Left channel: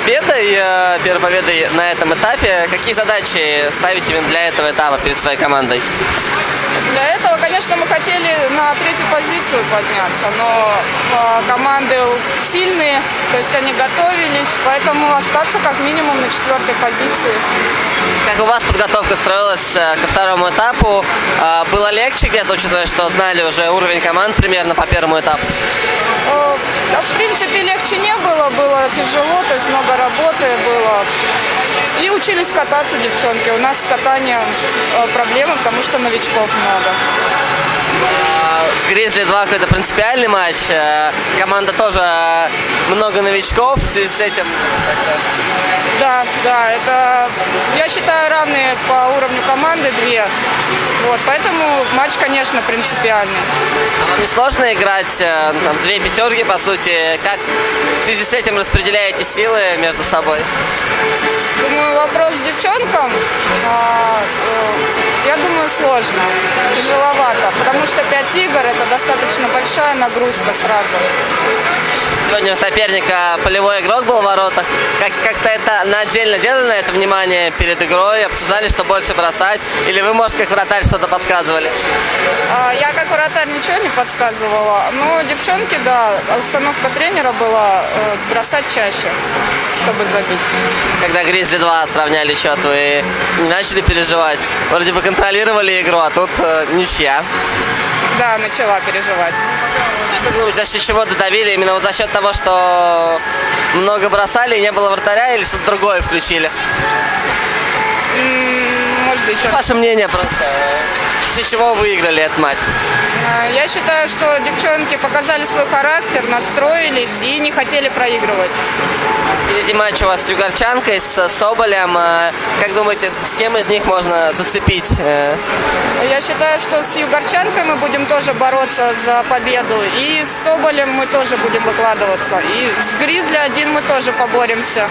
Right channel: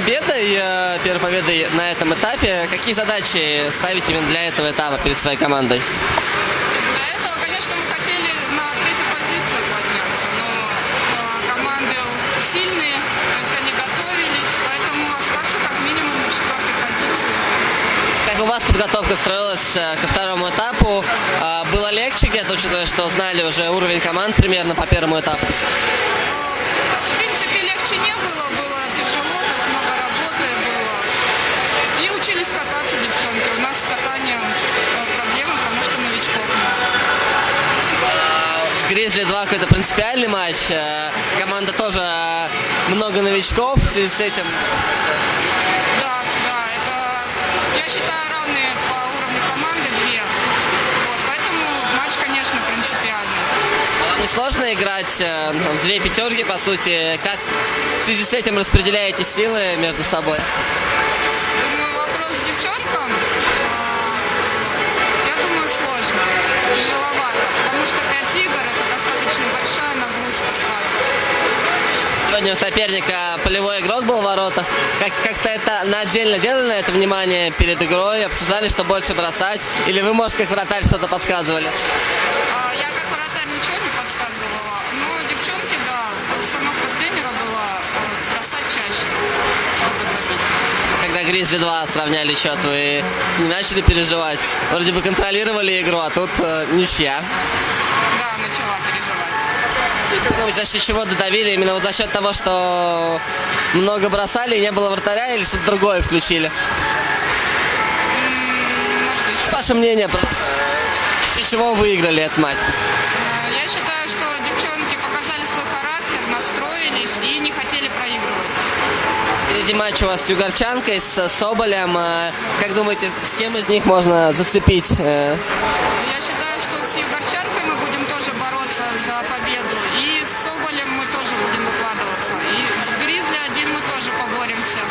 первой победой на этом этапе. Какие задачи ставите именно для этого этапа перед своей командой? Для этого, конечно, мы хотели на третью позицию подняться, но команды сильные, то есть они готовились, поэтому остаться как минимум на четвертой позиции. Как у вас подготовка строилась ко второму этапу? Было легче где-то, учитывая, что знали уже уровень команд примерно по первому этапу? Да, в принципе, легче не было, было тяжело, то есть много работы было. И учились кататься девчонки. У нас с катанием проблемы, потому что новичков много. С Гризли-2 какой-то принципиальный матч. Команда тоже много новичков. В связи с этим как-то... Да, это, я считаю, равные по уровню команды две. Вот, поэтому матч, конечно, принципиальный. А вам не сложно играть в две пятерки, по сути? Как в связи с этим распределяете силы между собой? Думаю, вопрос к девчонкам, я думаю, сложно, тяжеловато, потому что 5 игр – это достаточно большая нагрузка сразу. Сегодня у соперника полевой игрок был в воротах. Как-то это отдельно делали на это внимание перед игрой? Обсуждали, что больше бросать? Или вы, может, как вратарь что-то подсказывали? Я как вратарь ничего не подсказывала. Но девчонки, да, установка тренера была бросать чаще, чтобы забить. Когда Гризли-2 сравняли счет, вы не начали переживать? Вроде бы контролировали игру, а тут ничья. Да, начала переживать. Как думаете, за счет чего додавили? Именно вот за счет того, что много бросали и не было вратаря, или что-то другое включили? Может, еще. Ваше мнение просто. За счет чего выиграли этот матч? Я считаю, что девчонки показали свой характер, настроились и не хотели проигрывать. Впереди матч у вас с югорчанкой, с Соболем. Как думаете, с кем из них можно зацепить? Я считаю, что с югорчанкой мы будем тоже бороться за победу. И с Соболем мы тоже будем выкладываться. И с Гризли 1 мы тоже поборемся.